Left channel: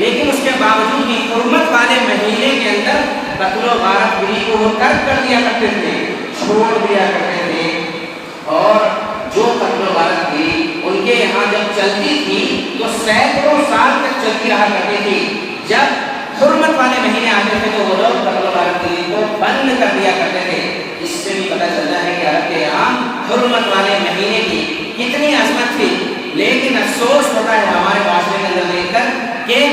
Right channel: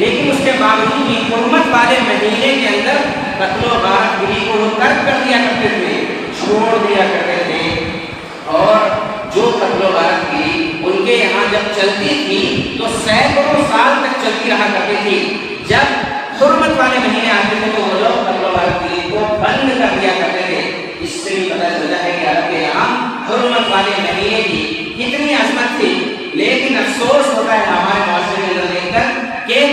لیکن اس کے باوجود بھی حرمت والے مہینے کے اندر قتل و غارت گری کو وہ ترک کر دیا کرتے تھے، چھوڑ دیا کرتے تھے۔ اور جو قتل و غارت گری ان کے یہاں جب چلتی تھی تو سینکڑوں سال تک چلتی رہا کرتی تھی۔ جب حرمت والے مہینے آتے تھے تو وہ لوگ قتل و غارت گری کو بند کر دیا کرتے تھے۔ اس سے بھی پتہ چلتا ہے کہ عرب کے یہاں حرمت والے مہینے کی کتنی عظمت تھی۔ لیکن افسوس ہوتا ہے ہمارے معاشرے کے اندر دیکھ کر کہ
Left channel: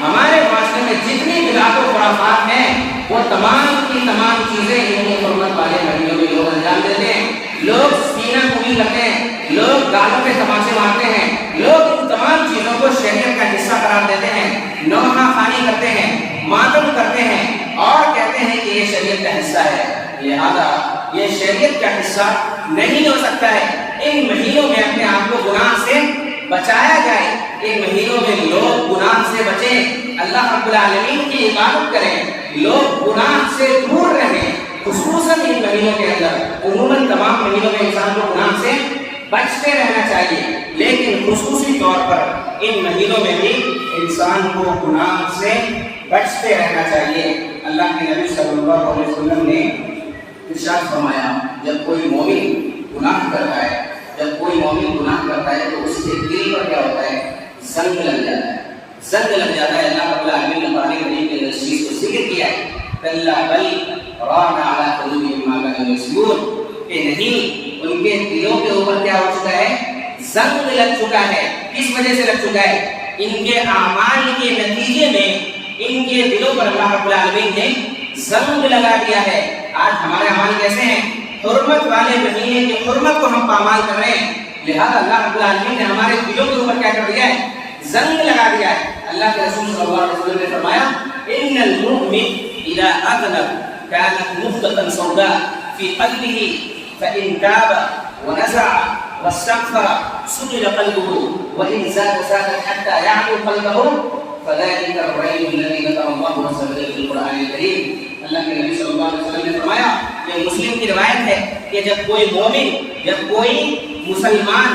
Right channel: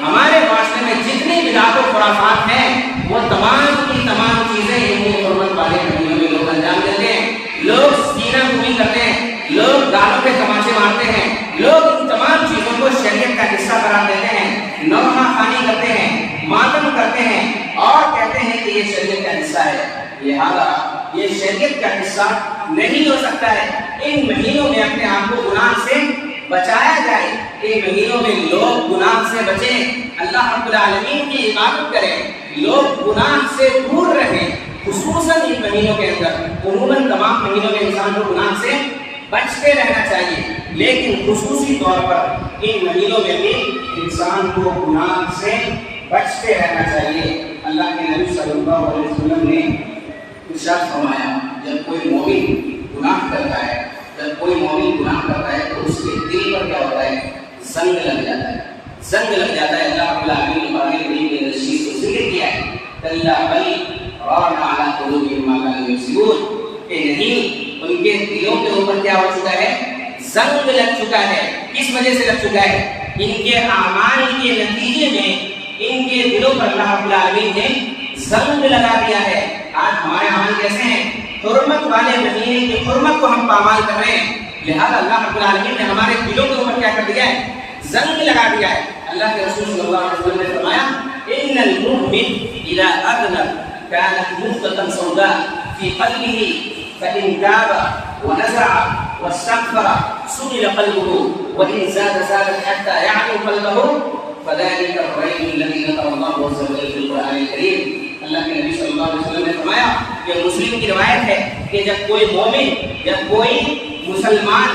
ہمارے معاشرے میں جتنی بدعات و خرافات ہیں وہ تمام کی تمام چیزیں ان حرمت والے مہینوں میں لوگ انجام دیتے ہیں۔ لوگ سینہ کشی کرتے ہیں، لوگ گالوں پہ تماشے مارتے ہیں، لوگ ان تمام چیزوں کو شریعت کا حصہ قرار دیتے ہیں، نوحہ خوانی کرتے ہیں، ماتم کرتے ہیں اور کہتے ہیں کہ یہ شریعت کا حصہ ہے۔ لہذا یہ شریعت کا حصہ نہیں ہو سکتا ہے۔ ان مہینوں میں اپنے آپ کو گناہ سے بچایا جائے، ان مہینوں میں لوگ گناہ سے بچیں، اللہ رب العالمین کی عبادت کریں، لوگ گناہ سے دور رہیں۔ خصوصاً ان مہینوں کے اندر، عموماً تمام مہینوں میں انسان کو گناہ سے بچتے رہنا چاہیے، لیکن خصوصی طور پر ان مہینوں میں بھی انسان کو گناہ سے بچتے رہنا چاہیے۔ اللہ کے نبی صلی اللہ علیہ وسلم نے ارشاد فرمایا، جب کوئی مومن گناہ کرتا ہے، جب کوئی مومن گناہ کرتا ہے تو اس کے دل پر کیا ہوتا ہے؟ زنگ لگ جاتا ہے، زنگ لگ جاتا ہے۔ اللہ رب العالمین نے قرآن کریم کے اس چیز کو ذکر کیا ہے، کلا بل ران علی قلوبہم ما کانوا یکسبون، کہ نہیں، ان کے دلوں کے اوپر کیا ہو چکا ہے؟ زنگ لگ چکا ہے۔ کس وجہ سے لگ چکا ہے؟ ان کے اعمال کے نتیجے میں ان کے دلوں پر اللہ رب العالمین نے زنگ لگا دیا ہے۔ آج ہمارے اعمال کیسے ہیں؟ حرمت والے مہینے کی حرمت کو ہم پامال کر رہے ہیں، لہذا اللہ رب العالمین نے ہمارے دلوں کے اوپر کیا کر دیا ہے؟ زنگ لگا دیا ہے۔ اللہ کے رسول صلی اللہ علیہ وسلم نے فرمایا، ان المؤمن اذا اذنب كانت نقطة سوداء في قلبه فإن تاب ونزع واستغفر سئل قلبه وإن زاد زادت حتى يعلو قلبه فذلك الرجل الذي ذكر الله عز وجل في القرآن الكريم۔ اللہ کے نبی صلی اللہ علیہ وسلم نے فرمایا، یہ مسلم کی روایت ہے کہ جب کوئی مومن، جب کوئی مسلمان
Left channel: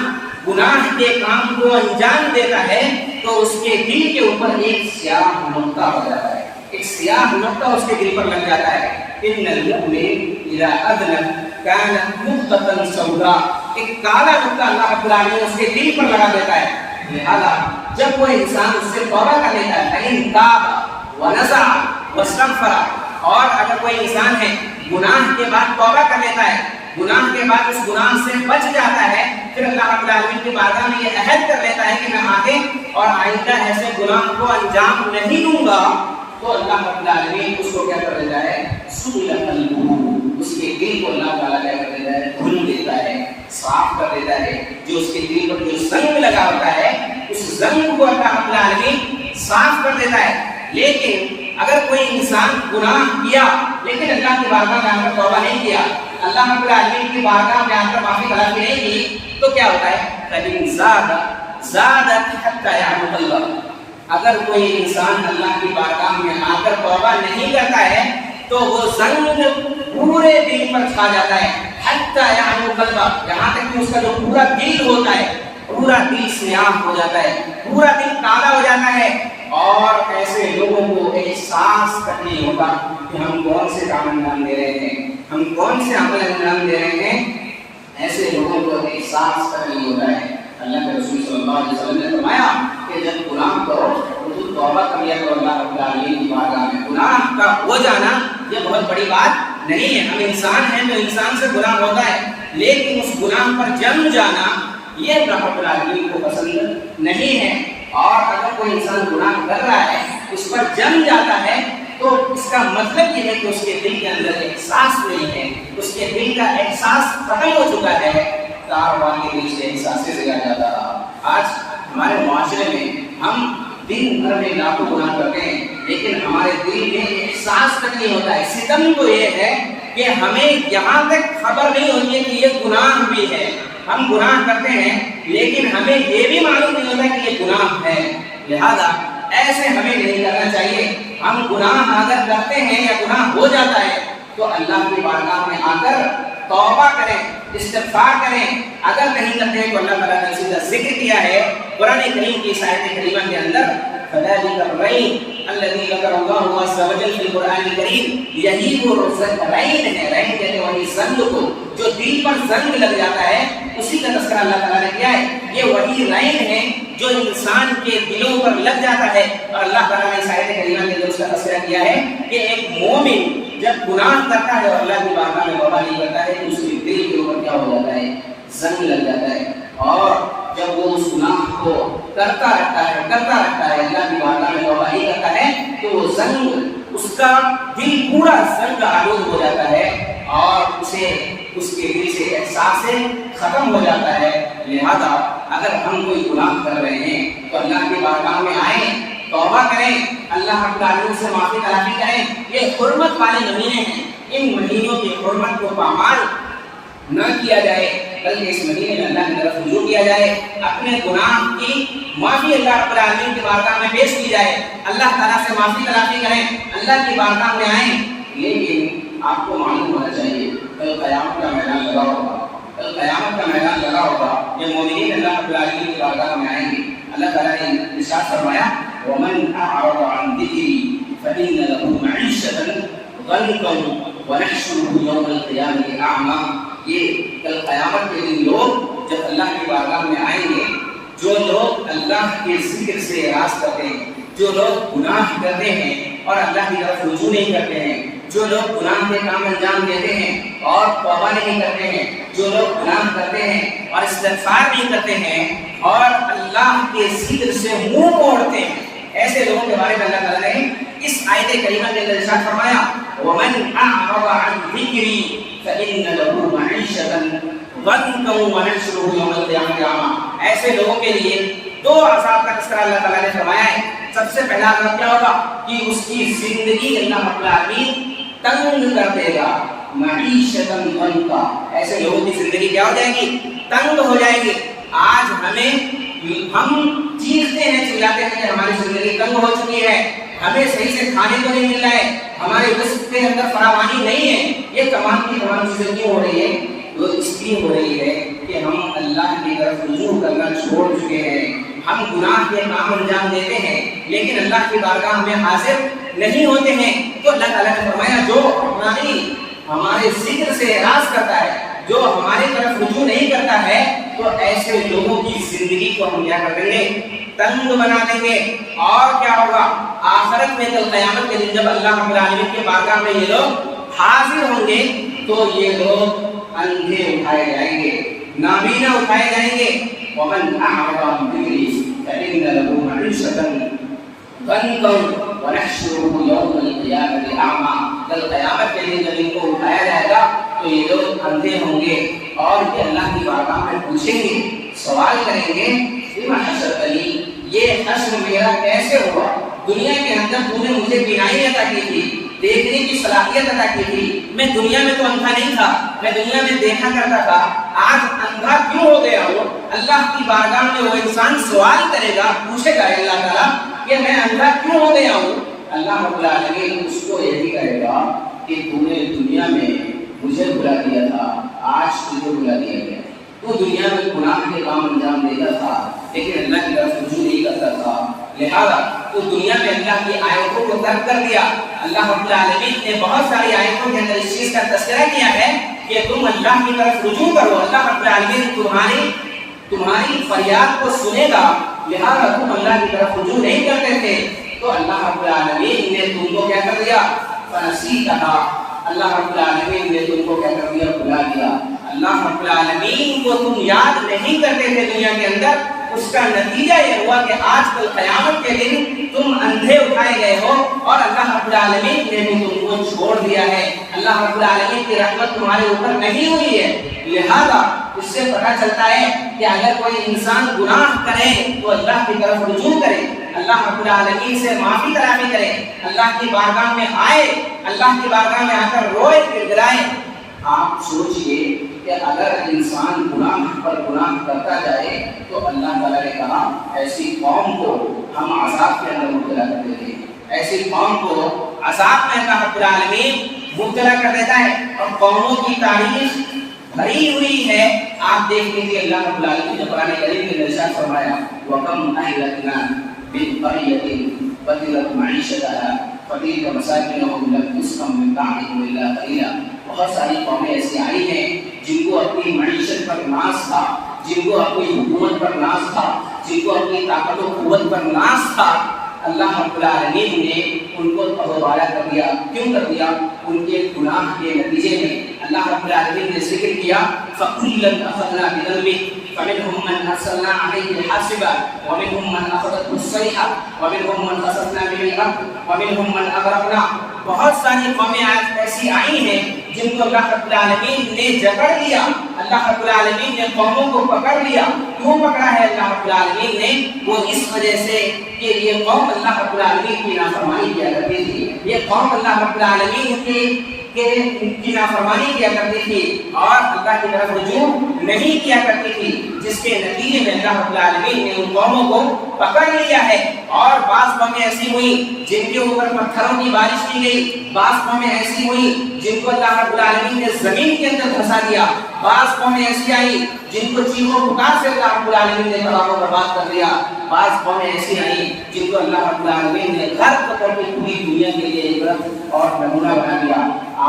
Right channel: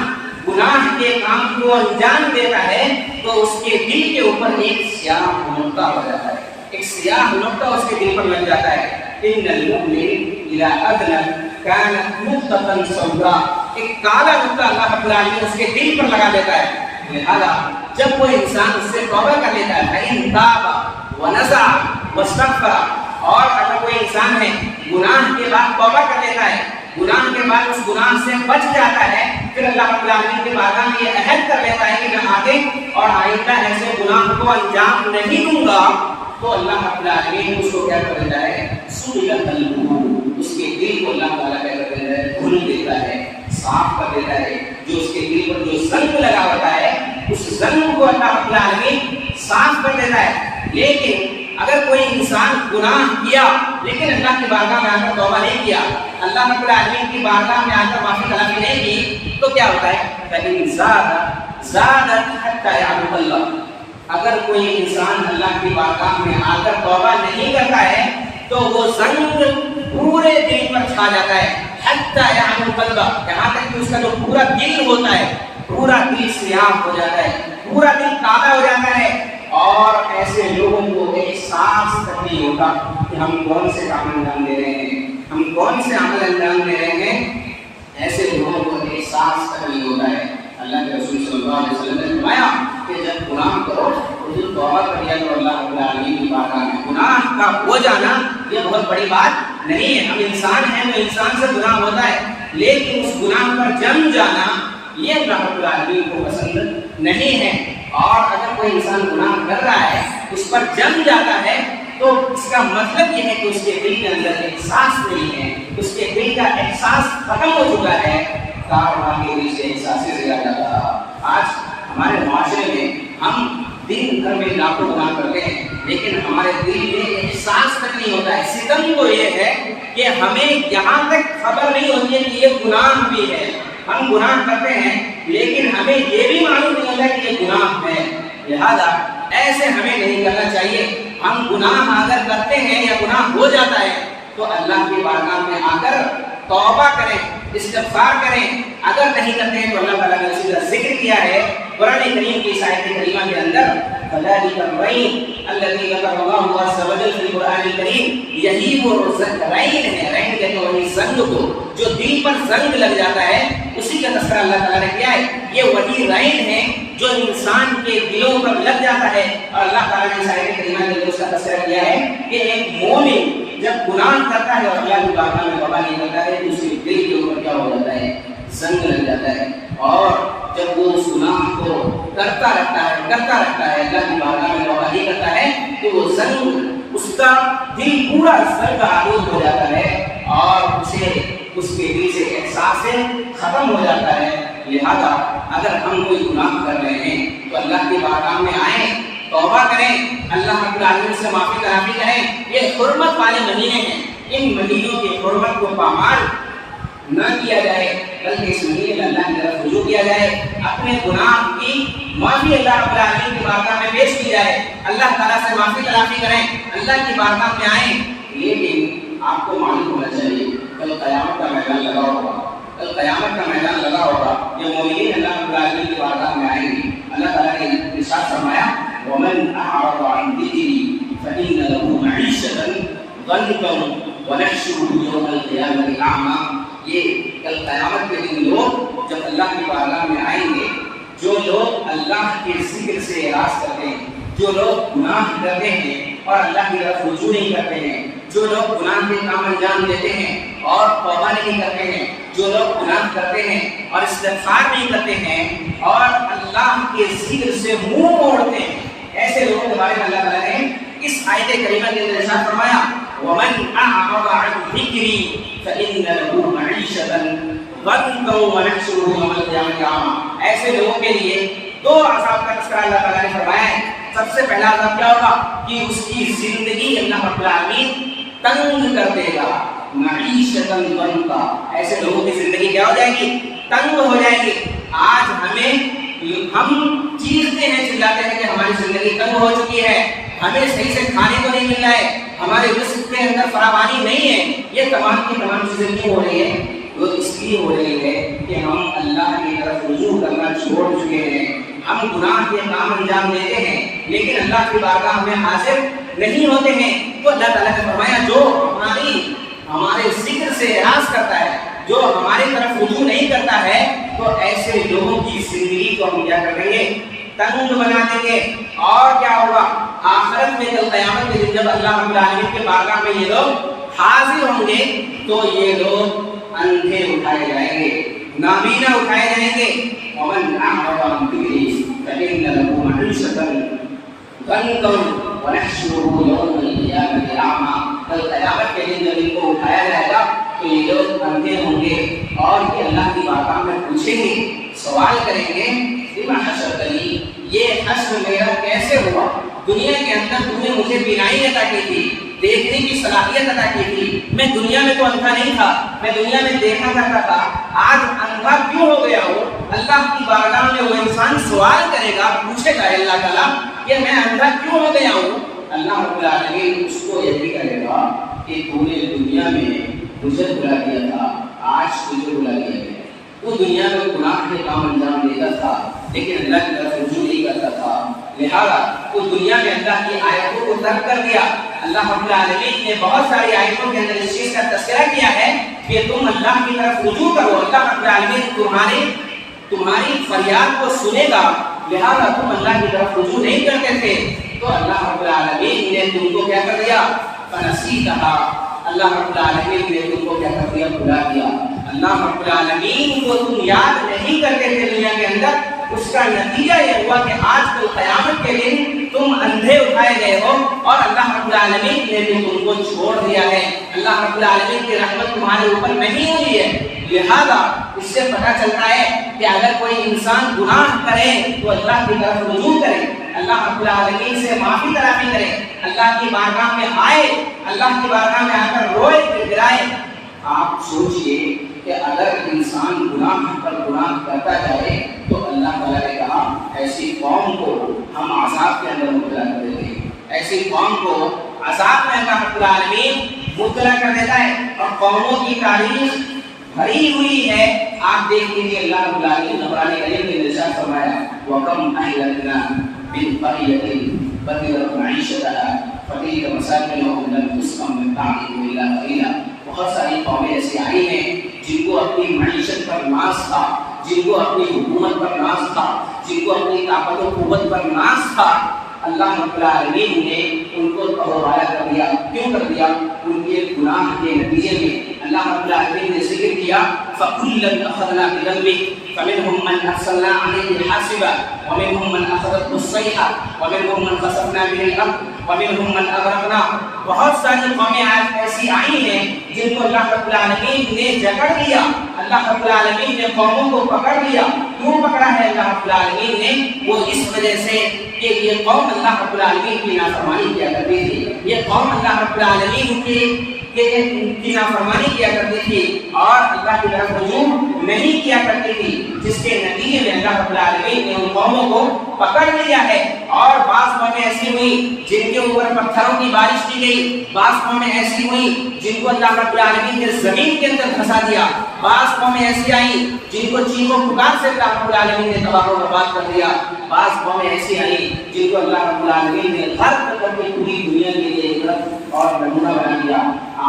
گناہ کے کام کو انجام دیتا ہے تو اس کے دل کے اوپر ایک سیاہ نقطہ ہو جاتا ہے، ایک سیاہ نقطہ اس کے دل پر لگ جاتا ہے۔ ان المؤمن اذا اذنب كانت نقطة سوداء، ایک کالا نقطہ اللہ رب العالمین اس کے دل پر لگا دیتا ہے۔ لہذا جب کوئی انسان اس سے توبہ کر لیتا ہے، فإن تاب ونزع واستغفر، اور اگر کوئی انسان ہے گناہ کے بعد توبہ کر لیتا ہے، گناہ کے بعد اس گناہ سے بچ جاتا ہے، پھر اللہ رب العالمین کی بارگاہ میں یہ عہد کر لیتا ہے کہ میں آگے اور آئندہ ایسے گناہ کو انجام نہیں دوں گا، تو اللہ رب العالمین اس کو کیا کر دیتا ہے؟ سئل قلبہ، اس کے دل کو اللہ تعالیٰ کیا کر دیتا ہے؟ دھل دیتا ہے، صاف کر دیتا ہے۔ جو اس کے دل پر جو زنگ لگا ہوتا ہے اس زنگ کو اللہ رب العالمین صاف کر دیتا ہے۔ لیکن اگر کوئی انسان گناہ کیا لیکن اللہ کی بارگاہ میں آ کر توبہ نہیں کیا، اللہ رب العالمین کی بارگاہ میں آ کر معافی طلبی نہیں کی، تو کیا ہوتا ہے؟ فَإِن زَادَتْ حَتَّى يَعْلُو قَلْبَهُ، اگر کوئی انسان اللہ کی بارگاہ میں آ کر توبہ نہیں کرتا ہے تو وہ زنگ پورے دل پر چھا جاتا ہے، حَتَّى يَعْلُو قَلْبَهُ، یہاں تک کہ اس کا جو پورا دل ہوتا ہے، پورا دل سیاہ ہو جاتا ہے، پورا دل کالا ہو جاتا ہے، اور ایسے لوگوں کو احساس تک نہیں ہوتا کہ ہم کون سے کام انجام دے رہے ہیں، ہم کون سے عمل انجام دے رہے ہیں، ایسے لوگوں کو احساس تک نہیں ہوتا ہے۔ اللہ کے رسول صلی اللہ علیہ وسلم نے فرمایا کہ جب گناہ کرو تو توبہ کر لیا کرو اللہ رب العالمین کی بارگاہ میں۔ گناہ کا ہو جانا یہ بہت بڑی بات نہیں ہے، ہم انسان ہیں تو انسان سے گناہ ہوتا ہے، لیکن اس گناہ پر جم جانا یہ اللہ رب العالمین کو پسند نہیں ہے۔ اور اگر کوئی انسان گناہ کر رہا ہے، اس پر جم جاتا ہے، تو اس کا مطلب یہ ہے کہ اس کے دل کے اندر احساس نہیں ہے، اس کے دل کا احساس ختم ہو چکا ہے، کارواں کے نیچے احساس سے زیادہ جاتا رہا۔ آج ہمارے معاشرے میں ہم دن بھر میں لاکھوں گناہ کرتے ہیں، لیکن ہمارے دل میں احساس تک نہیں ہوتا ہے۔ ستم تو یہ ہے کہ ہمیں یہاں تک خبر نہیں ہوتی ہے کہ یہ گناہ بھی ہے، ہم گناہ کرتے ہیں لیکن ہمیں یہ بھی معلوم نہیں ہوتا کہ یہ گناہ ہے۔ لہذا ایسے ہمیں نہیں کرنا چاہیے۔ ہم گناہ اگر کرتے ہیں یا گناہ ہو جاتا ہے تو اللہ کی بارگاہ میں آ کر توبہ کریں، استغفار کریں۔ اگر نہیں کرتے ہیں تو اللہ تعالیٰ نے اس کا ذکر کیا ہے قرآن کریم کی آیت کریمہ کے اندر، فذلك الرین الذی ذکر اللہ عز وجل فی القرآن الکریم، یہی وہ رین ہے، رین کہتے ہیں وہی زنگ کو، جو دل پر زنگ لگ جاتا ہے اسی کا تذکرہ اللہ تعالیٰ نے کیا ہے. یہ وہی رین ہے جو انسان کے دلوں پر لگ جاتا ہے. اور اللہ تعالیٰ نے اس آیت کریمہ کے اندر اس کا تذکرہ کیا ہے کہ ایک مومن جب گناہ کرتا ہے اور اللہ کی بارگاہ میں توبہ نہیں کرتا ہے تو اس کے دل کے اوپر کیا ہو جاتا ہے؟ زنگ لگ جاتا ہے. اور جب وہ اس گناہ کو کرتا رہتا ہے اللہ کی بارگاہ میں توبہ نہیں کرتا ہے تو وہ زنگ، اس کا دل پورا زنگ آلود ہو جاتا ہے اور اسے اس کے دل سے احساس ختم ہو جاتا ہے. لہذا اگر ہم کوئی گناہ کر رہے ہیں تو اللہ کی بارگاہ میں آئیں، توبہ کریں، اللہ رب العالمین سے معافی تلافی کریں. یہ حرمت والے مہینے ہیں، ان مہینوں کی حرمت کو پامال نہ کیا جائے بلکہ اس مہینے میں اللہ کی طرف رجوع کیا جائے، اپنے گناہ کی معافی اللہ رب العالمین کی بارگاہ میں پیش کی جائے، اللہ تعالیٰ سے معافی تلافی کریں، اللہ کی بارگاہ میں آئیں. لیکن آپ کو معلوم ہونا چاہیے کل قیامت کا میدان لگا ہوگا، کل قیامت کا میدان لگا ہوگا. یہ مومنین اللہ رب العالمین کی بارگاہ میں آئیں گے. اللہ تعالیٰ نے ارشاد فرمایا وَمَنْ أَعْرَضَ عَنْ ذِكْرِي فَإِنَّ لَهُ مَعِيشَةً ضَنْكًا وَنَحْشُرُهُ يَوْمَ الْقِيَامَةِ أَعْمَىٰ. یہ کل قیامت کے دن لوگ جب اللہ کی بارگاہ میں آئیں گے، جو لوگ اللہ کے ذکر سے اعراض کرتے ہیں، جو لوگ گناہ کرتے ہیں اور اللہ کی طرف رجوع نہیں کرتے ہیں، جو لوگ گناہ کے کام انجام دیتے ہیں اور توبہ نہیں کرتے ہیں، جو لوگ گناہ کرتے ہیں اور استغفار نہیں کرتے ہیں اور اللہ کے ذکر سے منہ موڑتے ہیں، ایسے لوگوں کے بارے میں اللہ تعالیٰ نے اس آیت کریمہ کے اندر ارشاد فرمایا وَمَنْ أَعْرَضَ عَنْ ذِكْرِي فَإِنَّ لَهُ مَعِيشَةً ضَنْكًا وَنَحْشُرُهُ يَوْمَ الْقِيَامَةِ أَعْمَىٰ. ایسے لوگوں کے لیے دو عذاب کا تذکرہ اللہ تعالیٰ نے فرمایا ہے. سب سے پہلا عذاب کیا ہوگا کہ اس کی زندگی اللہ رب العالمین تنگ کر دے گا. معیشتاً ضنکا، ایسے لوگوں کی زندگی کیا ہو جائے گی؟ تنگ ہو جائے گی. آج ہم چیختے ہیں، چلاتے ہیں کہ ہماری زندگی تنگ ہو چکی ہے، ہمیں صحیح سے کھانے کو نہیں مل رہا ہے، ہمارے رزق کے اندر فراوانی نہیں ہے. یہ تمام کی تمام چیزیں کیوں ہو رہی ہے؟ وہ اس لیے ہو رہی ہے کہ ہم اللہ کی طرف رجوع کرنا چھوڑ چکے ہیں. ہم گناہ کے کام انجام دیتے ہیں لیکن اللہ کی بارگاہ میں حاضر نہیں ہوتے ہیں. تو اللہ تعالیٰ نے فرمایا جو ہمارے ذکر سے اعراض کرتا ہے، جو ہماری طرف رجوع نہیں کرتا ہے، تو ایسے لوگوں کی زندگی کو ہم کیا کر دیں گے؟ تنگ بنا دیں گے. اور کیا ہوگا؟ آخرت میں کل قیامت کے دن جب اللہ رب العالمین کے بارگاہ میں یہ لوگ حاضر ہوں گے تو یہ لوگ اندھے اٹھائے جائیں گے، نابینا اٹھائے جائیں گے. وَمَنْ أَعْرَضَ عَنْ ذِكْرِي فَإِنَّ لَهُ مَعِيشَةً ضَنْكًا وَنَحْشُرُهُ يَوْمَ الْقِيَامَةِ أَعْمَىٰ. کل قیامت کے دن جب ان کو اٹھایا جائے گا تو یہ لوگ اندھے ہوں گے اور یہ اللہ کی بارگاہ میں پوچھیں گے، سوال کریں گے بِمَ حَشَرْتَنِي، یہ حشر میرا کیسے ہوا؟ دنیا کے اندر تم نے مجھے بینائی عطا کی تھی، دیکھنے کی صلاحیت عطا کی تھی، میں دنیا میں تو اندھا نہیں تھا، میں دنیا میں دیکھا کرتا تھا، آج اندھا کیوں ہو گیا ہو؟ اللہ کی بارگاہ میں وہ انسان سوال کرے گا، پوچھے گا اللہ تعالیٰ کہ میں اندھا کیوں ہو گیا ہوں؟ اللہ رب العالمین اس کو یہ بھی کہے گا کہ تو نے دنیا میں مجھے بلا دیا تھا، آج تجھے بلا دیا گیا. تو دنیا میں گناہ کے کام انجام دیتا تھا لیکن اللہ کی طرف رجوع نہیں کرتا تھا، لہذا تو دنیا میں اللہ کی آیتوں کو ترک کر دیا. اللہ رب العالمین نے بہت ساری آیتوں کے اندر اس چیز کا تذکرہ کیا ہے کہ تم اللہ کی طرف رجوع کرو، اللہ رب العالمین تمہاری فریاد کو سنے گا. لہذا تم اللہ کی طرف رجوع نہیں کرتے تھے تو اللہ رب العالمین نے تم کو کیا کر دیا؟ فنسیتھا، اللہ رب العالمین نے تم کو کیا کر دیا؟ بھلا دیا. اللہ رب العالمین کو تم یاد نہیں کرتے تھے دنیا کے اندر، اس کا نتیجہ یہ ہوا کہ آج کل قیامت کے دن تم اندھے اٹھائے گئے ہو اور اللہ رب العالمین نے بھی تم کو چھوڑ دیا ہے. اللہ رب العالمین کی رحمت تمہارے اوپر نہیں ہوئی ہے. لہذا اس سے پتہ چلتا ہے کہ اگر کوئی انسان گناہ کرے تو اللہ کی طرف رجوع کرے، اللہ رب العالمین سے معافی تلافی کرے، اللہ کی بارگاہ میں آئے، اللہ کی بارگاہ میں آ کر روئے گڑگڑائے. آپ سوچئے کہ اگر انسان گناہ پر گناہ کرتا جائے تو اللہ تعالیٰ نے کہا ایسی قوم کو ہم عذاب کے اندر مبتلا کر دیتے ہیں، ایسی قوم کو عذاب میں اللہ رب العالمین مبتلا کر دیتا ہے. اور قوموں کی تاریخ بھری ہوئی ہے. آپ دیکھ لیجیے اللہ رب العالمین نے قرآن کریم میں ارشاد فرمایا وَكَمْ أَهْلَكْنَا مِنْ قَرْيَةٍ بدلت معیشتها فتلك مساکنهم لم تسکن من بعدهم الا قلیلا. بہت ساری قومیں ایسی آئی ہیں جن کو اپنی معیشت پر ناز تھا، جن کو اپنی حکومت پر ناز تھا، جن کو اپنی طاقت و قوت پر ناز تھا. اللہ رب العالمین نے ان کو تباہ کر دیا. کیوں کر دیا؟ ان کے گناہ کے نتیجے میں. اللہ رب العالمین نے ذکر کیا فَكُلًّا أَخَذْنَا بِذَنبِهِ فَمِنْهُمْ مَنْ أَرْسَلْنَا عَلَيْهِ حَاصِبًا وَمِنْهُمْ مَنْ أَخَذَتْهُ الصَّيْحَةُ وَمِنْهُمْ مَنْ خَسَفْنَا بِهِ الْأَرْضَ وَمِنْهُمْ مَنْ أَغْرَقْنَا. بہت ساری قومیں ایسی آئی ہیں جن کو اللہ رب العالمین نے جکڑ لیا. اللہ رب العالمین نے قوموں کو پکڑ لیا. کیوں پکڑا ہے اللہ رب العالمین نے؟ وہ اس وجہ سے کہ یہ قوم اللہ رب العالمین کی نافرمانی کیا کرتی تھی. یہ قوم اللہ رب العالمین کی نافرمانی کیا کرتی تھی اور اللہ کی طرف رجوع نہیں کیا کرتی تھی، جس کے نتیجے میں اللہ رب العالمین نے ان قوموں کو پکڑ لیا ہے. اور بعض قومیں ایسی ہوئی جن کے اوپر پتھروں کی بارش کی گئی، بعض قومیں ایسی ہوئی جن کو اللہ رب العالمین نے زمین کے اندر دھسا دیا، بعض قومیں ایسی آئی جن کو چیخ و پکار سے اللہ رب العالمین نے تباہ و برباد کر دیا، بعض قومیں ایسی آئی جن کو اللہ رب العالمین نے غرق کر کے پوری دنیا کے لیے عبرت اور نمونہ بنا دیا.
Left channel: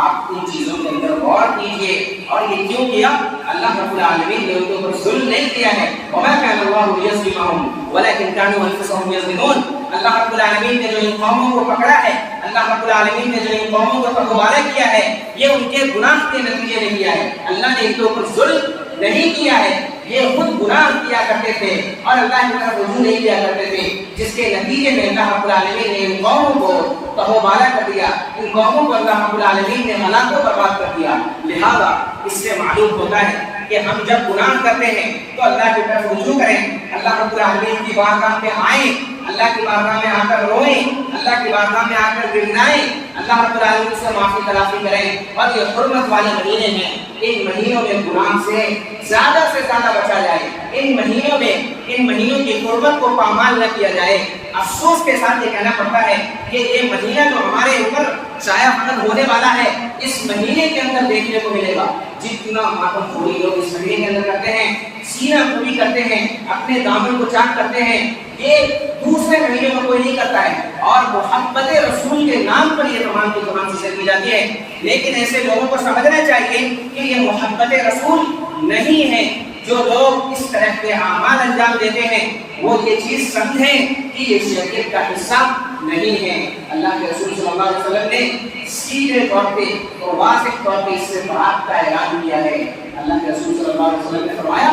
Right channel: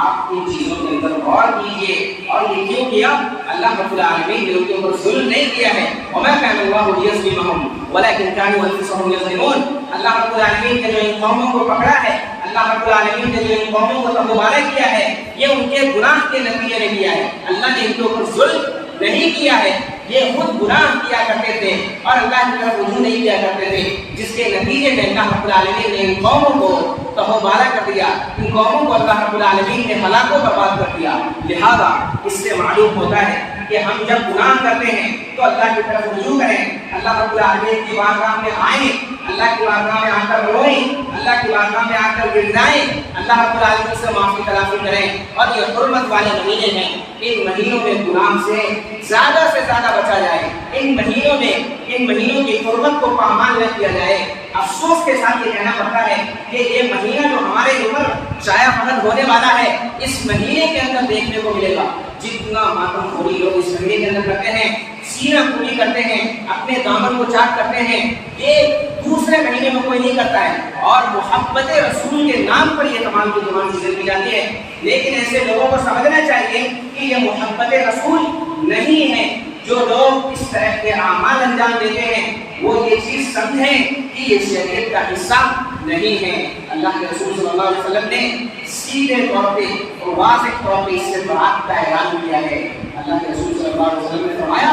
آپ ان چیزوں کے اندر غور کیجئے. اور یہ کیوں کیا؟ اللہ رب العالمین نے ان کے اوپر ظلم نہیں کیا ہے. وما كان الله ليظلمهم ولكن كانوا انفسهم يظلمون. اللہ رب العالمین نے جو ان قوموں کو پکڑا ہے، اللہ رب العالمین نے جو ان قوموں کو تباہ کیا ہے، یہ ان کے گناہ کے نتیجے میں کیا ہے. اللہ نے ان کے اوپر ظلم نہیں کیا ہے. یہ خود گناہ کیا کرتے تھے اور اللہ کی طرف رجوع نہیں کیا کرتے تھے، جس کے نتیجے میں اللہ رب العالمین نے ان قوموں کو تباہ کر دیا. ان قوموں کو اللہ رب العالمین نے ہلاک و برباد کر دیا. لہذا اس سے معلوم ہوتا ہے کہ ہم جب گناہ کرتے ہیں تو اللہ کی طرف رجوع کریں، اللہ رب العالمین کی بارگاہ میں آئیں، اللہ کی بارگاہ میں آ کر روئیں، اللہ کی بارگاہ میں آ کر گڑگڑائیں، اللہ رب العالمین سے معافی تلافی کریں. اور یہ حرمت والے مہینے ہیں، ان مہینوں میں گناہ سے زیادہ بچا جائے. ان مہینوں کی حرمت کو پامال نہ کیا جائے. افسوس کے ساتھ یہ کہنا پڑتا ہے کہ یہ مہینہ جو ہمارے اوپر شائع فقط ہونے والا ہے، اس مہینے کے اندر دیکھنے کو ملے گا جتنا ماتم خوری لوگ اس مہینے کے اندر کرتے ہیں، سینہ پوری کرتے ہیں، اپنے دامن کو چاک کرتے ہیں، یہ دوسرے مہینے میں کوئی نہیں کرتا ہے. اور محبت رسول کے نام پر یہ تمام کی تمام چیزیں کی جاتی ہیں. لیکن ایسے لوگوں کو سمجھنا چاہیے کہ یہ محبت رسول نہیں ہے. جو لوگ اس طرح کے اعمال انجام دیتے ہیں وہ یہ چیز سمجھیں کہ یہ شریعت کا حصہ نہیں ہے. اللہ کے رسول صلی اللہ علیہ وسلم نے سیدھے طور پہ اور واضح طور پہ اس سے برات کا اعلان کیا ہے. اللہ کے رسول صلی اللہ علیہ وسلم نے فرمایا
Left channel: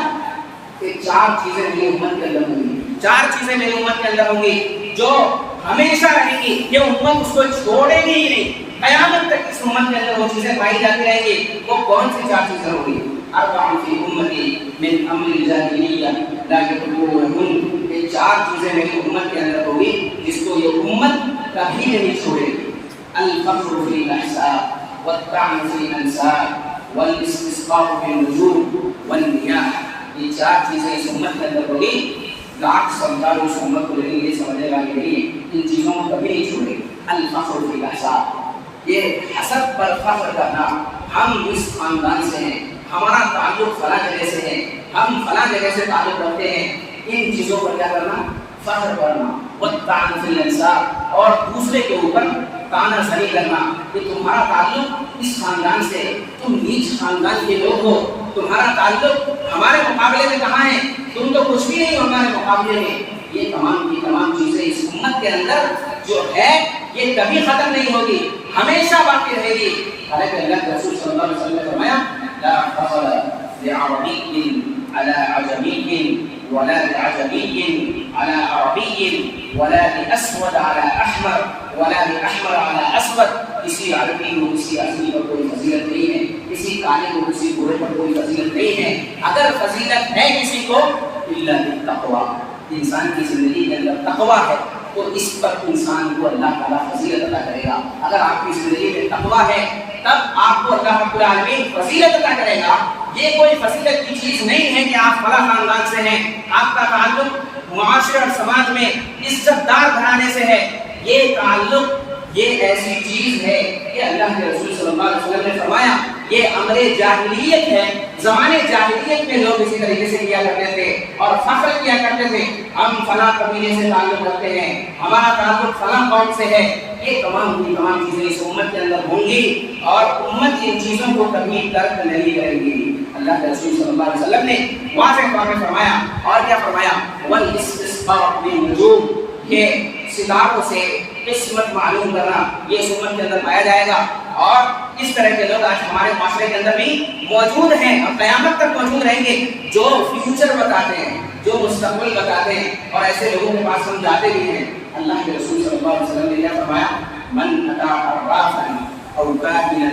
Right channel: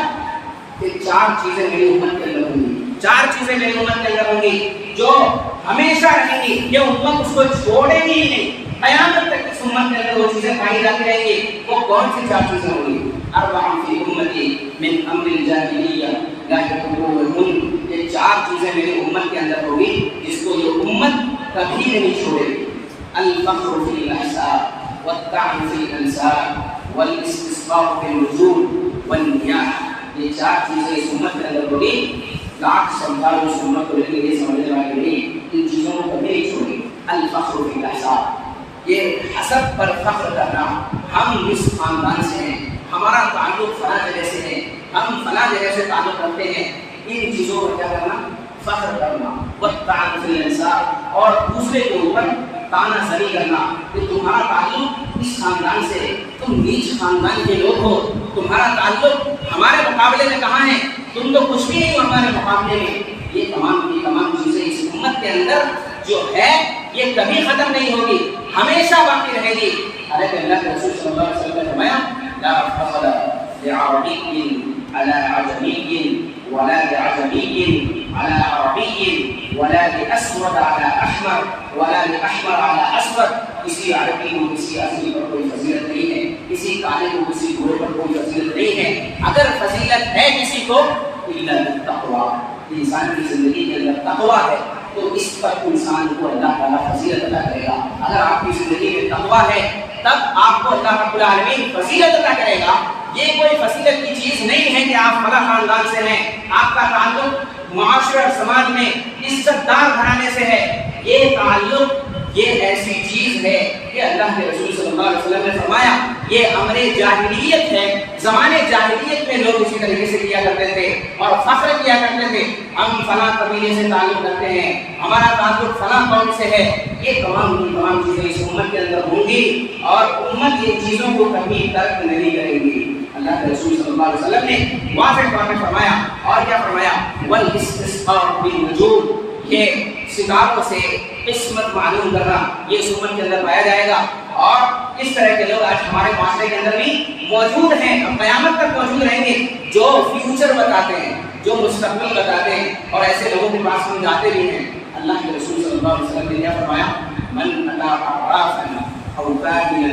کہ 4 چیزیں میری امت کے اندر ہوں گی، 4 چیزیں میری امت کے اندر ہوں گی جو ہمیشہ رہیں گی. یہ امت اس کو چھوڑے گی ہی نہیں، قیامت تک اس امت کے اندر وہ چیزیں پائی جاتی رہیں گی. وہ کون سی 4 چیزیں ہوں گی؟ 4 فی امتی من امر الجاہلیہ لا یترکونہن. یہ 4 چیزیں میری امت کے اندر ہوں گی جس کو یہ امت کبھی نہیں چھوڑے گی. الفخر فی الاحساب والطعن فی الانساب والاستسقاء فی النجوم والمیاہ. یہ 4 چیزیں اس امت کے اندر ہوگی. لاکھ سمجھالو اس امت کو لیکن یہ سمجھنے والے نہیں، ان چیزوں کو کبھی نہیں چھوڑے گی. الفخر فی الاحساب، یہ حسب پر فخر کرنا. ہم اس خاندان سے ہیں، ہمارا تعلق فلاں جگہ سے ہے، ہم فلاں جگہ سے تعلق رکھتے ہیں. ان چیزوں پر کیا کرنا؟ فخر کرنا. والطعن فی الانساب، اور دوسرے کے اوپر تانا زنی کرنا کہ تمہارا تعلق اس خاندان سے، تم نیچ خاندان کے لوگ ہو، تمہارا تعلق ہمارے مقابلے میں کہاں ہے، تم تو کچھ بھی نہیں ہمارے مقابلے میں. یہ تمام کی تمام چیزیں اس امت کے اندر جو ہے یہ کبھی ختم نہیں ہوگی، ہمیشہ باقی رہے گی. حالانکہ اللہ کے رسول صلی اللہ علیہ وسلم نے فرمایا لا فضل لعربی على عجمی ولا لعجمی على عربی ولا لاسود على احمر ولا لاحمر على اسود. کسی عربی کو کسی اجمی پر کوئی فضیلت نہیں ہے، کسی کالے کو کسی گورے پر کوئی فضیلت نہیں ہے. اگر فضیلت ہے کسی کو الا بالتقوی، انسان کی زندگی کے اندر تقوی ہے تو اس پر انسان کو اللہ تعالیٰ فضیلت عطا کرے گا. اگر آپ کی زندگی میں تقوی ہے تب آپ کو اللہ رب العالمین فضیلت عطا کرے گا. یہ کوئی فضیلت کی چیز نہیں ہے کہ آپ فلاں خاندان سے ہیں، آپ کا تعلق معاشرے اور سماج میں عزت دار گھرانے سے ہے. یہ تعلق یہ ایسی چیز ہے کہ اللہ کے رسول صلی اللہ علیہ وسلم نے فرمایا یہ امر جاہلیت ہے. زمانے جاہلیت میں لوگ اسی طریقے سے کیا کرتے تھے اور فخر کیا کرتے تھے, ہم فلاں قبیلے سے تعلق رکھتے ہیں, ہمارا تعلق فلاں قوم سے ہے. یہ تمام چیزیں اس امت کے اندر ہوں گی اور امت ان چیزوں کو کبھی ترک نہیں کرے گی. اللہ کے رسول صلی اللہ علیہ وسلم نے واضح طور پہ فرمایا, اور کیا فرمایا, والاستسقاء بالنجوم, یہ ستاروں سے قسمت معلوم کرنا یہ اس امت کے اندر پایا جائے گا. اور اس طرح کے لوگ آج ہمارے معاشرے کے اندر بھی موجود ہیں اور قیامت تک موجود رہیں گے, جو فیوچر بتاتے ہیں, جو مستقبل بتاتے ہیں, اور ایسے لوگوں کے پاس ہم جاتے بھی ہیں. اللہ کے رسول صلی اللہ علیہ وسلم نے کیا فرمایا, من اتا عرافا او کاہنا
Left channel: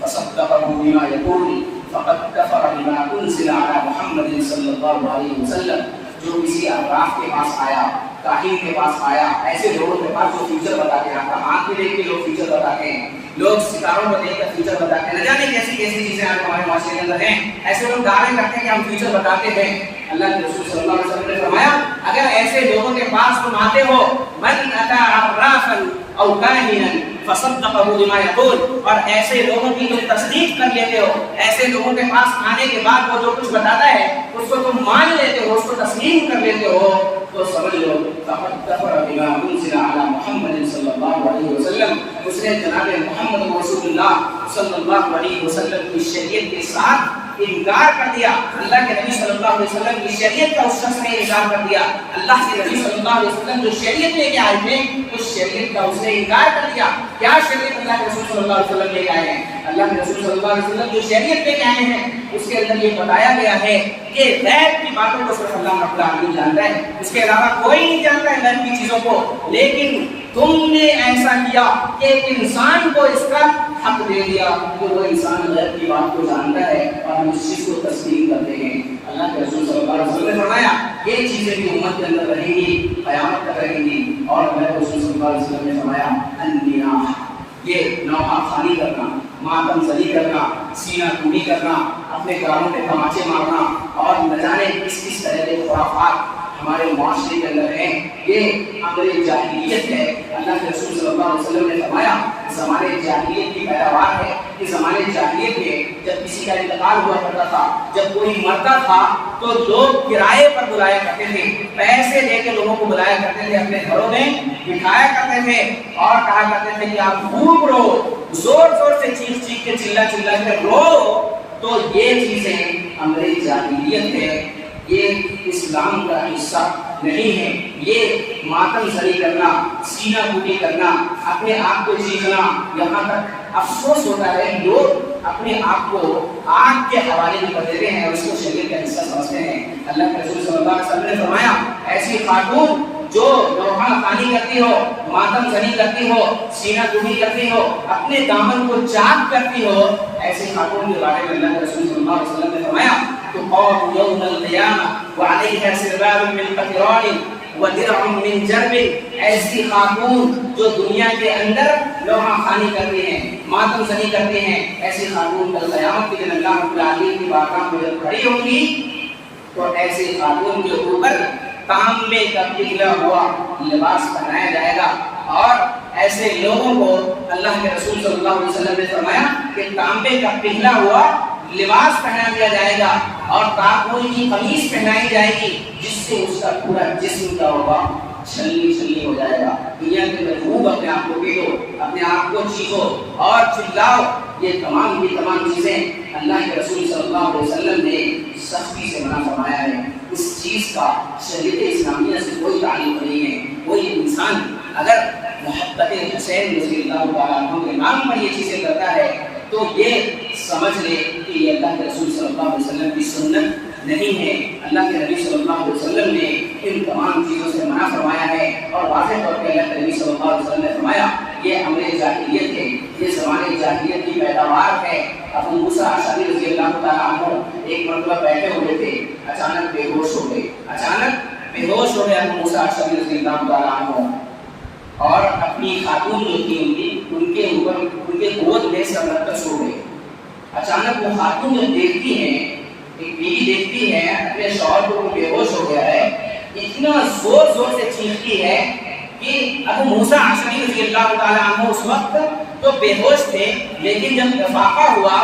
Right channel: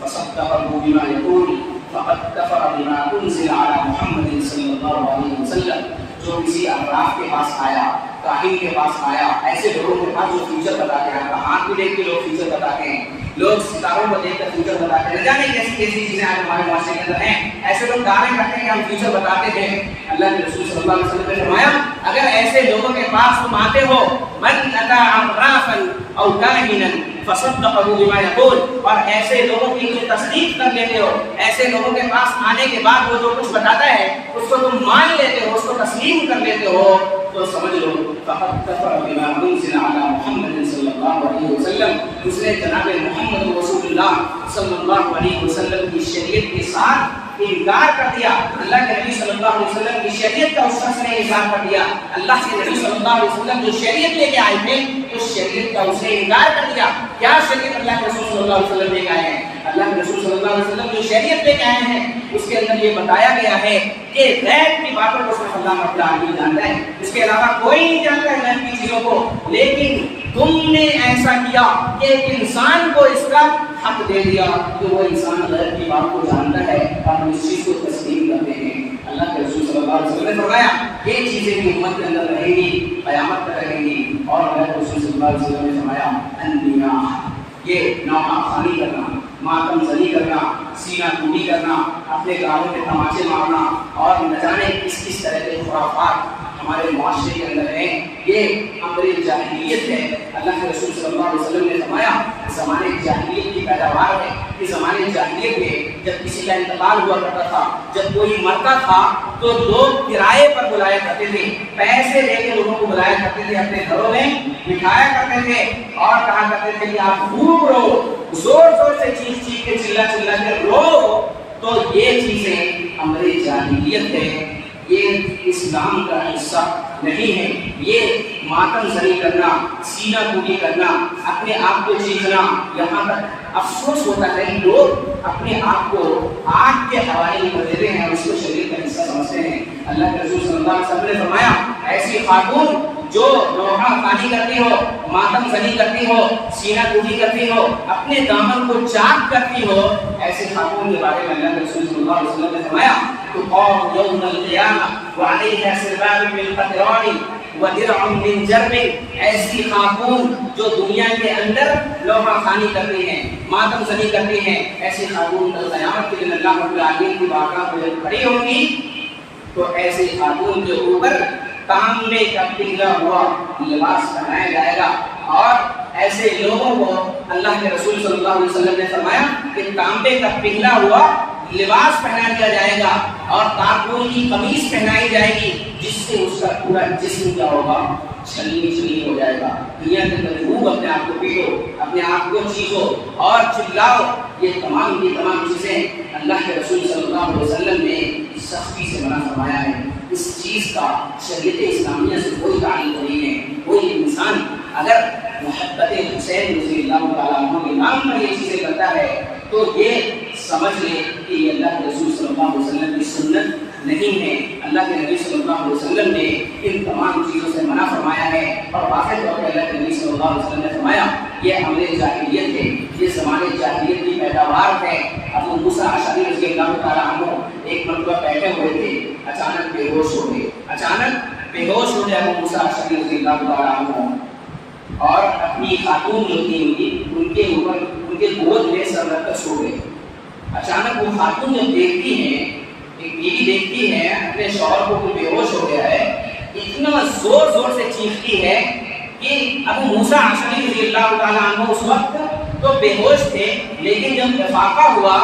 فصدقه بما يقول فقد کفر بما انزل على محمد صلی اللہ علیہ وسلم. جو کسی عراف کے پاس آیا, کاہن کے پاس آیا, ایسے لوگوں کے پاس جو فیوچر بتاتے ہیں, آپ کا آنکھ بھی دیکھ کے لوگ فیوچر بتاتے ہیں, لوگ ستاروں کو دیکھ کر فیوچر بتاتے ہیں, نہ جانے کیسی کیسی چیزیں آج ہمارے معاشرے کے اندر ہیں. ایسے لوگ دعوے کرتے ہیں کہ ہم فیوچر بتاتے ہیں. اللہ کے رسول صلی اللہ علیہ وسلم نے فرمایا, اگر ایسے لوگوں کے پاس تم آتے ہو, من اتا عرافا او کاہنا فصدقه بما يقول, اور ایسے لوگوں کی تم تصدیق کر لیتے ہو, ایسے لوگوں کے پاس آنے کے بعد وہ جو کچھ بتاتا ہے اس کو تم مان لیتے ہو, اس کو تسلیم کر لیتے ہو, تو سمجھ لو فقد کفر بما انزل على محمد صلی اللہ علیہ وسلم, اس نے جناب محمد رسول اللہ صلی اللہ علیہ وسلم کی شریعت کے ساتھ انکار کر دیا. اللہ کے نبی صلی اللہ علیہ وسلم کی شریعت کا اس شخص نے انکار کر دیا. اللہ کے نبی صلی اللہ علیہ وسلم جو شریعت لے کے آئے تھے اس شریعت کا اس نے انکار کر دیا. کیا شریعت اللہ کے رسول صلی اللہ علیہ وسلم لے کے آئے ہیں؟ اللہ کے رسول صلی اللہ علیہ وسلم جو شریعت لے کے آئے ہیں اس کے اندر یہ بتایا گیا ہے کہ غیب کی باتوں کو صرف اللہ رب العالمین جانتا ہے, اس کے علاوہ کوئی نہیں جانتا ہے غیب کی چیزوں کو. لیکن تم نے ایسا کیا کہ ایک انسان کو اس کا حق دے دیا کہ وہ انسان غیب کی بات کو جانتا ہے اور ہم اس چیز کو تسلیم کرتے ہیں. اللہ کے رسول صلی اللہ علیہ وسلم نے فرمایا یہ چیزیں بھی امت کے اندر رہیں گی, قیامت تک رہیں گی. اور اللہ کے رسول صلی اللہ علیہ وسلم نے فرمایا النیاح, یہ نوحہ خوانی کرنا, ماتم زنی کرنا, سینہ کوبی کرنا, اپنے کاموں پہ تماچے مارنا, اور نہ جانے کس طرح کے خرافات ہمارے معاشرے کے اندر ہیں, یہ امر جاہلیت ہے. اللہ کے رسول صلی اللہ علیہ وسلم نے فرمایا زمانے جاہلیت کی پیداوار ہے. کہ زمانے جاہلیت میں جب کسی کا انتقال ہوا کرتا تھا, جب کوئی مرتا تھا تو لوگ کرائے پر بلایا کرتے تھے, پیسے دے کے لوگوں کو بلایا کرتے تھے, اپنے گھروں میں بٹھایا کرتے تھے اور کہا کرتے تھے کہ آپ خوب رو, زور زور سے چیخ چیخ کے چلا کے رو. تو یہ چیزیں امر جاہلیت ہے, یہ اسلام کا حصہ نہیں ہے. یہ ماتم زنی کرنا, سینہ کوبی کرنا, اپنے آپ کو چیخنا, یہاں تک افسوس ہوتا ہے لوگ اپنے آپ کو آگ کے حوالے بھی کر دیتے ہیں اور اس کو شریعت کا حصہ سمجھتے ہیں. اللہ کے رسول صلی اللہ علیہ وسلم نے فرمایا ایسی خاتون جو نوحہ خوانی کرتی ہو, ماتم زنی کرتی ہو, سینہ کوبی کرتی ہو, اپنے دامن کو چاک کرتی ہو, ایسی خاتون کے بارے میں اللہ کے رسول صلی اللہ علیہ وسلم نے فرمایا تقام یوم القیامہ وعلیہا سرباب من قطران ودرع من جرب. ایسی خاتون جو دنیا کے اندر نوحہ خوانی کرتی ہیں, ماتم زنی کرتی ہیں, ایسی خاتون کل قیامت کے دن اللہ رب العالمین کی بارگاہ میں جب کھڑی ہوں گی تو ایسی خاتون کے اوپر تانبے کا پگھلا ہوا لباس پہنایا جائے گا. اور ایسے لوگوں کو اللہ کے رسول صلی اللہ علیہ وسلم نے فرمایا کہ تانبے کا پگھلا ہوا لباس پہنا دیا جائے گا اور تاکوئی کی قمیص پہنائی جائے گی جس سے اس کا پورا جسم کیا ہوگا, چھلنی ہو جائے گا. دنیا کے اندر خوب اپنے آپ کو پیٹو, اپنے آپ کو چیخو اور چلاؤ. یہ تمام کی تمام چیزیں اللہ کے رسول صلی اللہ علیہ وسلم نے سختی سے منع فرمایا ہے. اس چیز کا شریعت اسلامیہ سے کوئی تعلق نہیں ہے. کوئی انسان اگر محبت حسین رضی اللہ تعالیٰ عنہ کے نام پر یہ چیزیں کرتا ہے تو یہ سمجھ لے کہ یہ اللہ کے رسول صلی اللہ علیہ وسلم کی سنت نہیں ہے. اللہ کے نبی صلی اللہ علیہ وسلم نے ان تمام چیزوں سے منع فرمایا ہے اور واضح طور پہ اللہ کے نبی صلی اللہ علیہ وسلم نے فرمایا یہ امر جاہلیت ہے, یہ زمانے جاہلیت کی پیداوار ہے. ابو موسیٰ اشعری رضی اللہ تعالیٰ عنہ ایک مرتبہ بیٹھے ہوئے تھے, اچانک بے ہوش ہو گئے. ابو موسیٰ اشعری رضی اللہ تعالیٰ عنہ اور اپنی خاتون جو تھی ان کے اوپر ان کے گود میں سر رکھ کر سو گئے. اچانک وہ خاتون جب دیکھتی ہیں, ایک بیوی دیکھتی ہے اپنے شوہر کو بے ہوش ہو گیا ہے, اتنا زور سے چیختی ہے کہ ابو موسیٰ اشعری رضی اللہ تعالیٰ عنہ اس وقت تو بے ہوش تھے, لیکن جب افاقہ ہوا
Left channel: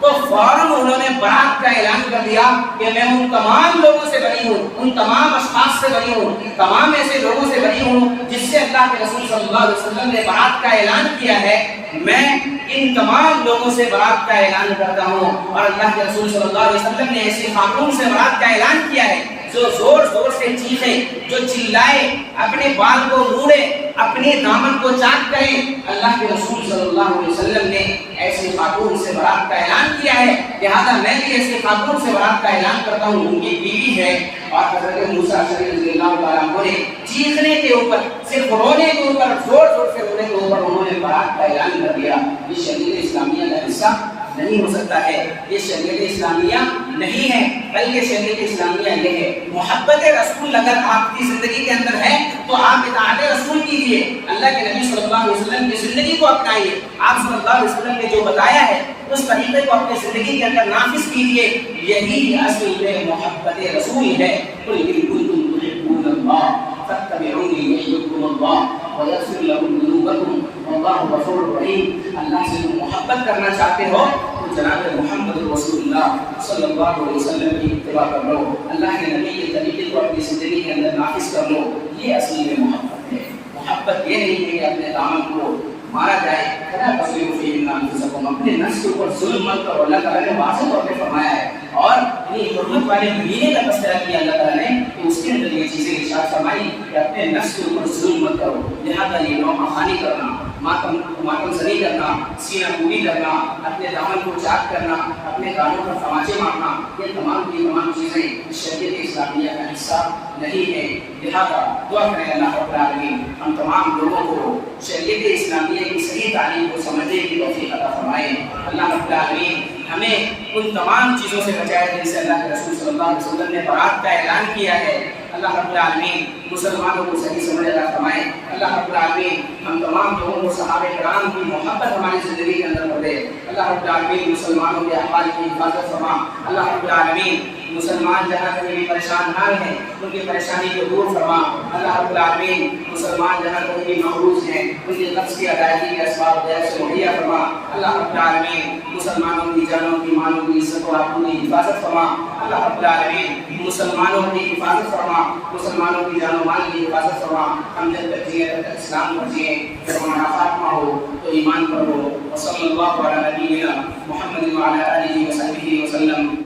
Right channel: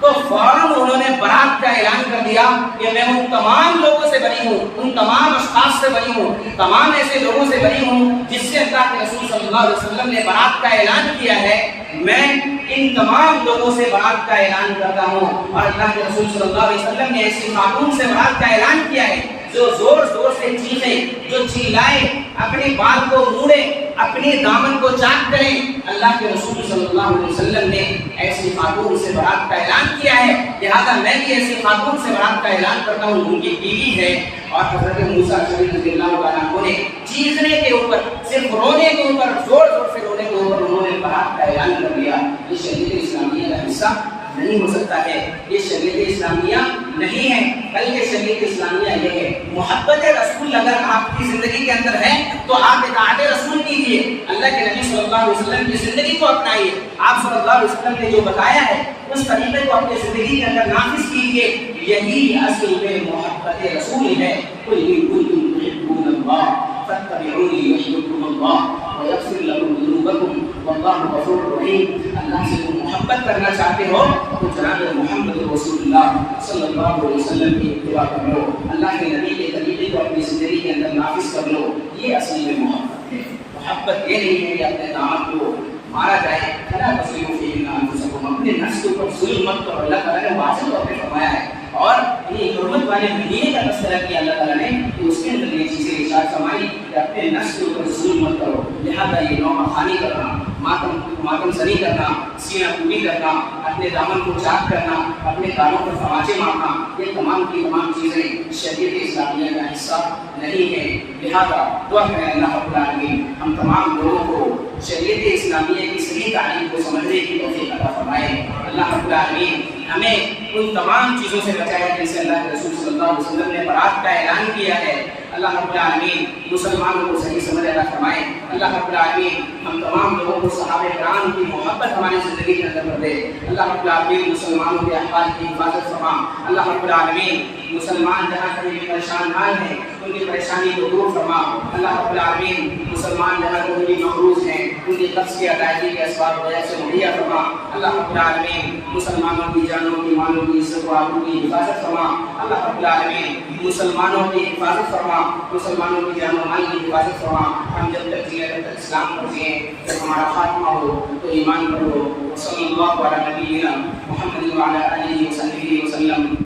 تو فوراً انہوں نے برات کا اعلان کر دیا کہ میں ان تمام لوگوں سے بری ہوں، ان تمام اشخاص سے بری ہوں، تمام ایسے لوگوں سے بری ہوں جس سے اللہ کے رسول صلی اللہ علیہ وسلم نے برات کا اعلان کیا ہے، میں ان تمام لوگوں سے برات کا اعلان کرتا ہوں۔ اور اللہ کے رسول صلی اللہ علیہ وسلم نے ایسی خاتون سے برات کا اعلان کیا ہے جو زور زور سے چیخے، جو چلائے، اپنے بال کو موڑے، اپنے دامن کو چاک کرے۔ اللہ کے رسول صلی اللہ علیہ وسلم نے ایسی خاتون سے برات کا اعلان کیا ہے، لہذا میں بھی ایسی خاتون سے برات کا اعلان کرتا ہوں۔ ان کی بیوی ہے، اور حضرت موسیٰ شریف رضی اللہ تعالیٰ عنہ نے چیخنے کے اوپر، صرف رونے کے اوپر، زور زور سے رونے کے اوپر انہوں نے برات کا اعلان کر دیا۔ یہ شریعت اسلامیہ کا حصہ نہیں ہو سکتا ہے، یہ شریعت اسلامیہ نہیں ہے، بلکہ شریعت اسلامیہ یہ ہے محبت رسول اگر آپ کی زندگی کے اندر ہے تو آپ اطاعت رسول کیجئے، اللہ کے نبی صلی اللہ علیہ وسلم کی زندگی کو اپنائیے، آپ صلی اللہ علیہ وسلم نے جو بتایا ہے اس طریقے کو اپنی زندگی کے اندر نافذ کیجئے، یہی اصل میں محبت رسول ہے۔ قل ان کنتم تحبون اللہ فاتبعونی یحببکم اللہ ویغفر لکم ذنوبکم واللہ غفور رحیم۔ اللہ سے تم محبت کرنا چاہتے ہو تو جناب محمد رسول اللہ صلی اللہ علیہ وسلم کی اتباع کر لو، اللہ کے نبی کے طریقے کو اپنی زندگی کے اندر نافذ کر لو، یہ اصل میں محبت ہے۔ محبت یہ نہیں ہے کہ اپنے دامن کو مارا جائے، فلا تصرفوا فیہن انفسکم، اپنے نفس کے اوپر ظلم مت کرو، اللہ تعالیٰ نے واضح طور پہ فرمایا ہے۔ اور یہ حرمت والے مہینے کا تذکرہ کیا اللہ تعالیٰ نے کہ اس کے اندر یہ چیزیں ارشاد فرمائی کہ اپنے نفس کے اوپر ظلم مت کرو، لہذا یہ نوحہ خوانی کرنا، ماتم زنی کرنا، سینہ کوبی کرنا، اپنے دامن کو چاک کرنا، اپنے کانوں پر تماچے مارنا، یہ تمام کی تمام چیزیں شریعت اسلامیہ کا حصہ نہیں ہے۔ لہذا دعا کریں اللہ رب العالمین ہم تمام لوگوں کو شریعت اسلامیہ کی صحیح تعلیم کو سمجھنے کی توفیق عطا فرمائے۔ اللہ رب العالمین ہمیں ان تمام چیزوں سے بچائے جن سے اللہ کے رسول صلی اللہ علیہ وسلم نے برات کا اعلان کیا ہے۔ اللہ رب العالمین مسلمانوں کو صحیح سمجھ عطا فرمائے۔ اللہ رب العالمین ہم تمام لوگوں کو صحابہ کرام کی محبت ہماری زندگی کے اندر کر دے۔ اللہ رب العالمین مسلمانوں کے احوال کی حفاظت فرما۔ اللہ رب العالمین مسلمان جہاں کہیں بھی پریشان حال ہیں ان کی پریشانی کو دور فرما۔ اللہ رب العالمین مسلمان جہاں کہیں بھی مقروض ہیں ان کی قرض کی ادائیگی کے اسباب غیر سے مہیا فرما۔ اللہ رب العالمین مسلمانوں کی جانوں کی مالوں کی عزت و آبرو کی حفاظت فرما۔ اللہ رب العالمین مسلمانوں کی حفاظت فرما، مسلمانوں کی جان و مال کی حفاظت فرما۔ ہم جب تک جئیں تب تک اسلام پر جئیں، جب ہمارا خاتمہ ہو تو ایمان پر ہو۔ وصلی اللہ علی نبینا محمد وعلی آلہ وصحبہ وسلم۔